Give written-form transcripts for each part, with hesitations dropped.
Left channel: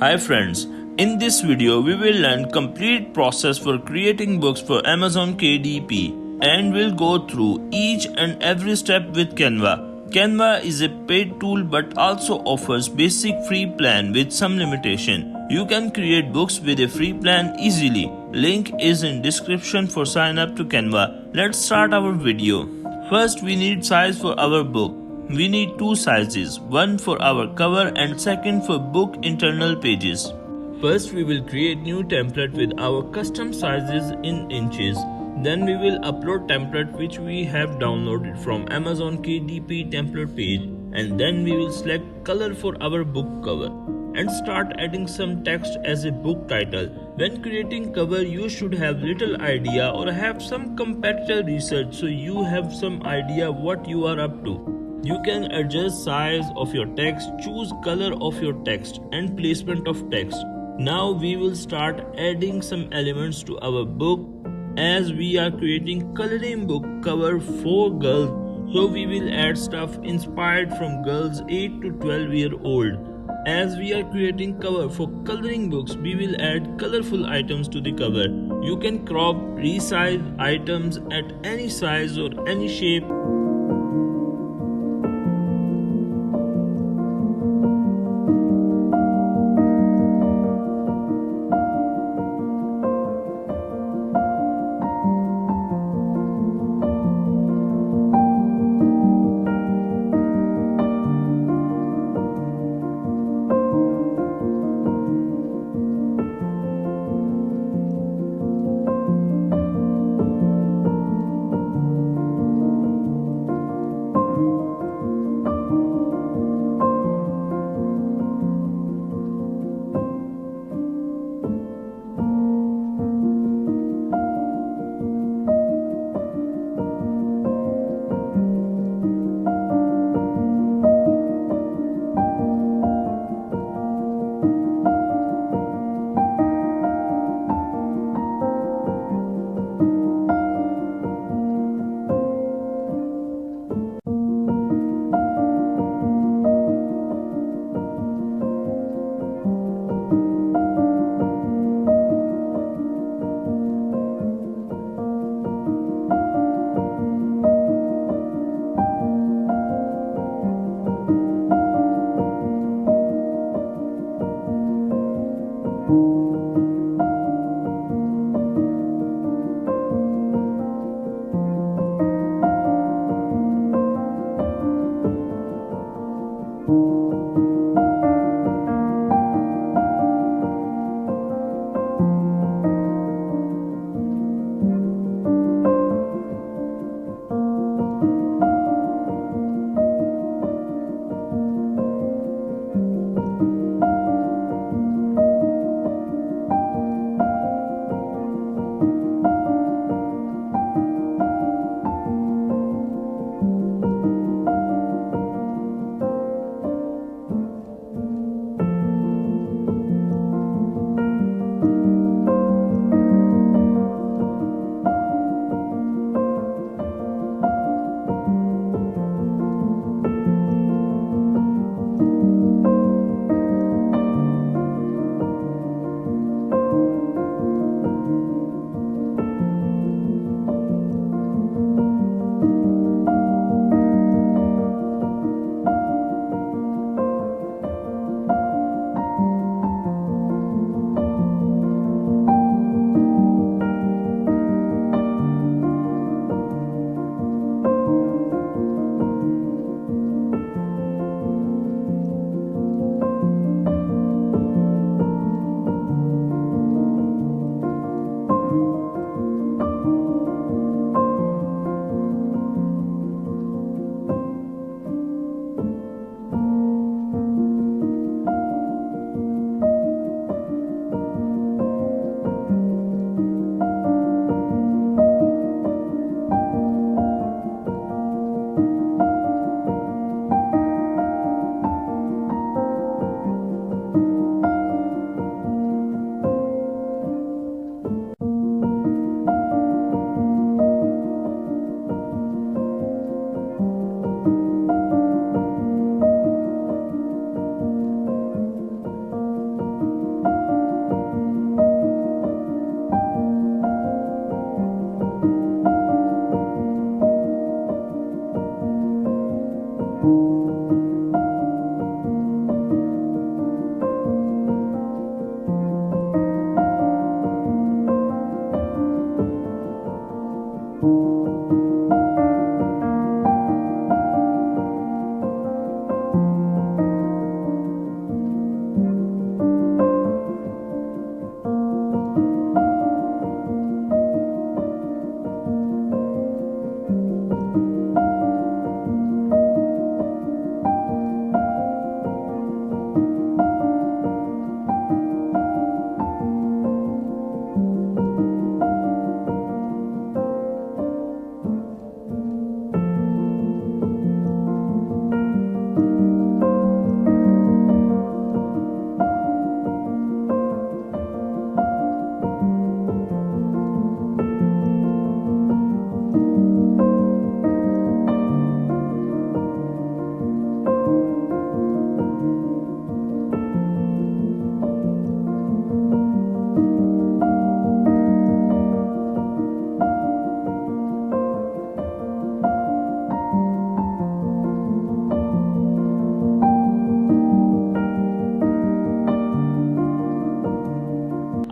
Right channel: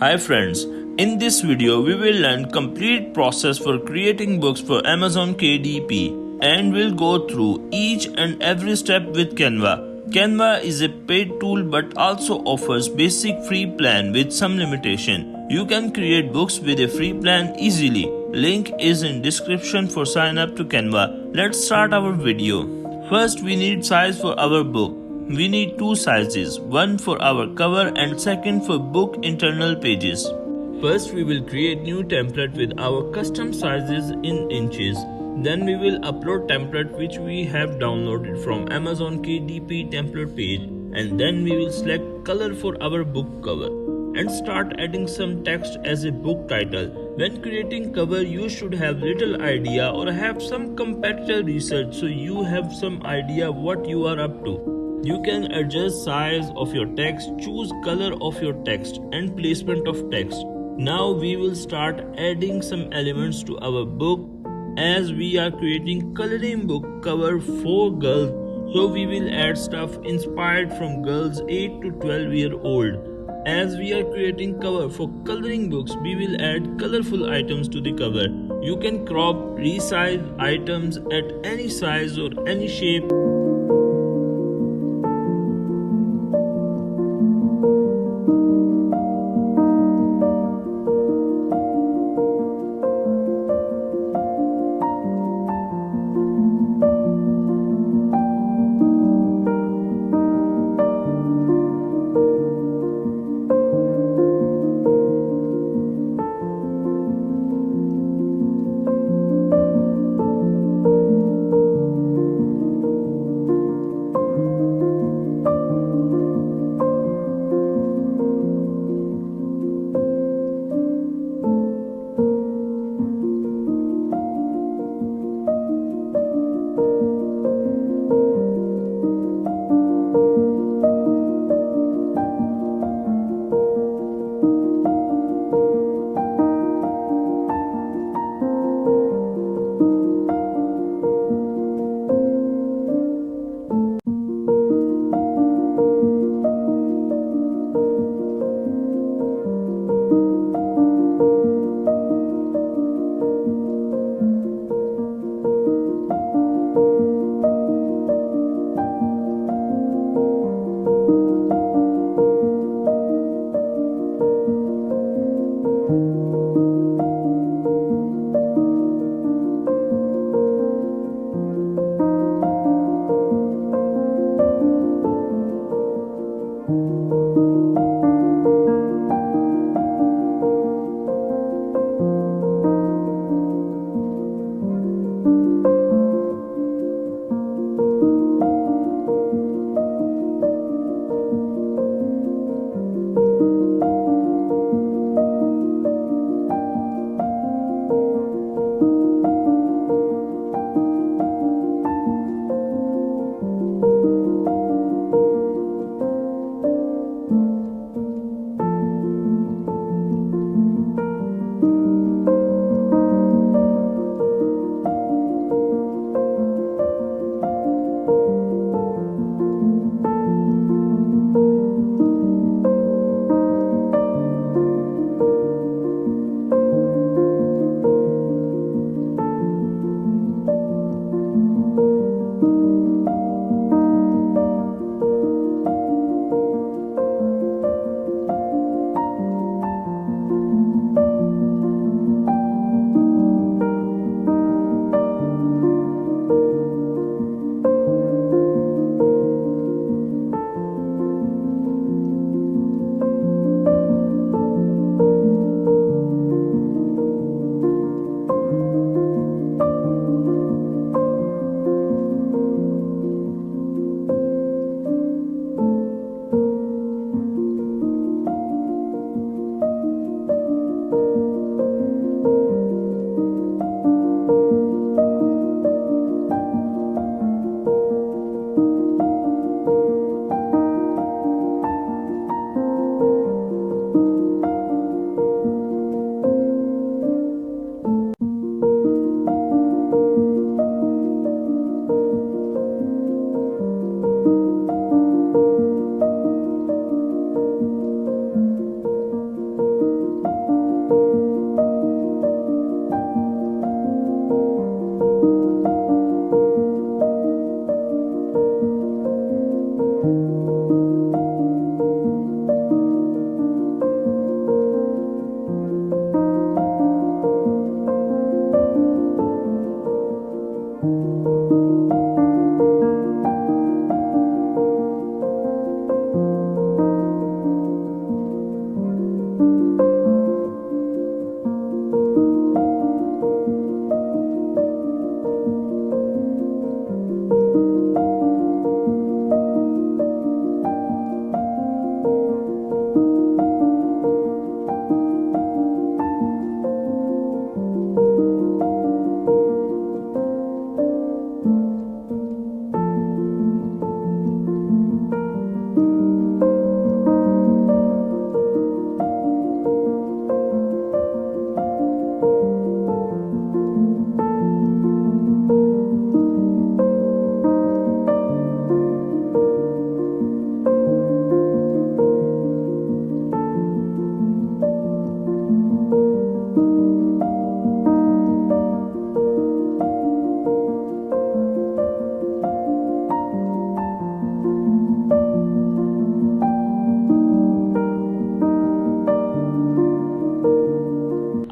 Hi friends, in this video we will learn complete process for creating books for Amazon KDP and we'll go through each and every step with Canva. Canva is a paid tool but also offers basic free plan with some limitation. You can create books with a free plan easily. Link is in description for sign up to Canva. Let's start our video. First we need size for our book. We need two sizes, one for our cover and second for book internal pages. First we will create new template with our custom sizes in inches. Then we will upload template which we have downloaded from Amazon KDP template page, and then we will select color for our book cover and start adding some text as a book title. When creating cover, you should have little idea or have some competitor research so you have some idea what you are up to. You can adjust size of your text, choose color of your text and placement of text. Now we will start adding some elements to our book as we are creating coloring book cover for girls. So we will add stuff inspired from girls 8 to 12-year-old. As we are creating cover for coloring books, we will add colorful items to the cover. You can crop, resize items at any size or any shape.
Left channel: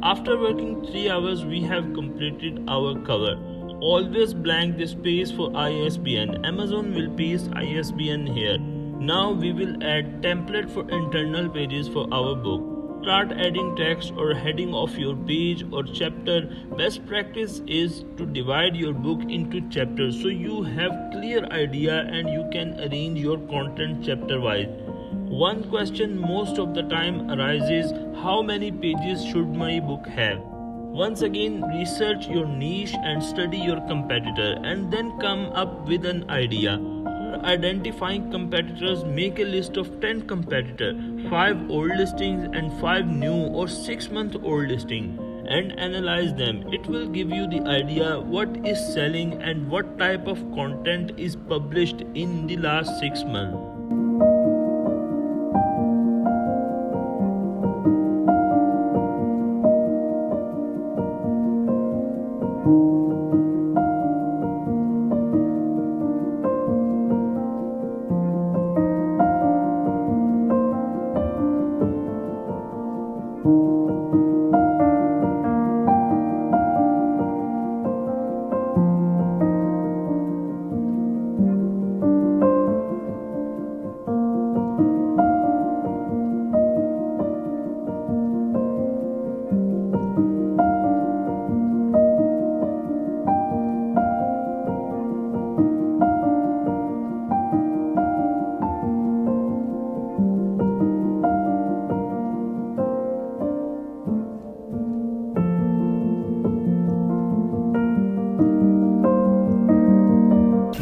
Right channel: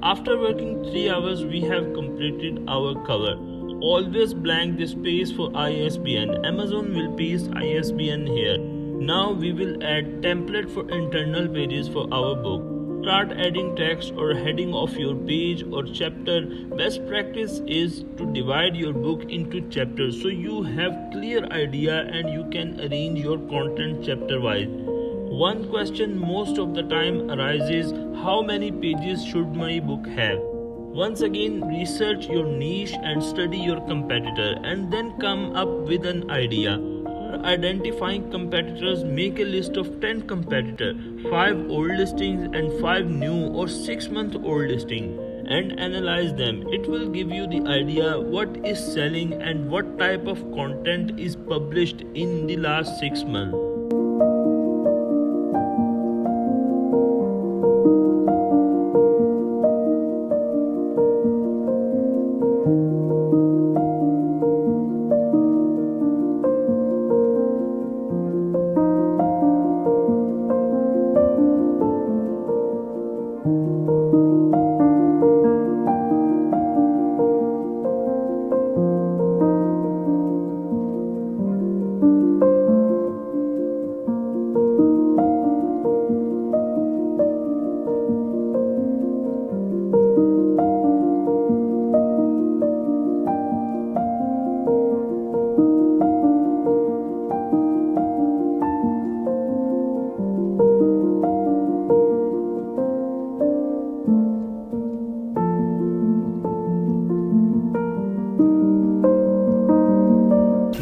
After working 3 hours, we have completed our cover. Always blank the space for ISBN. Amazon will paste ISBN here. Now we will add template for internal pages for our book. Start adding text or heading of your page or chapter. Best practice is to divide your book into chapters so you have clear idea and you can arrange your content chapter wise. One question most of the time arises: how many pages should my book have? Once again, research your niche and study your competitor and then come up with an idea. Identifying competitors, make a list of 10 competitors, 5 old listings and 5 new or 6-month-old listings, and analyze them. It will give you the idea what is selling and what type of content is published in the last 6 months.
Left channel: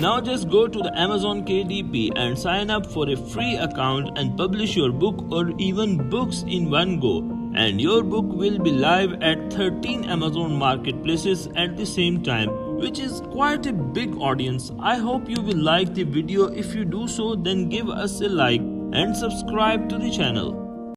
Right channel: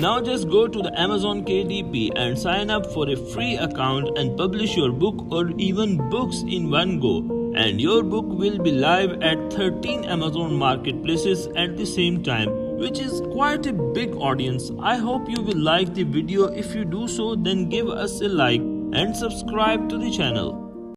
Now just go to the Amazon KDP and sign up for a free account and publish your book or even books in one go. And your book will be live at 13 Amazon marketplaces at the same time, which is quite a big audience. I hope you will like the video. If you do so, then give us a like and subscribe to the channel.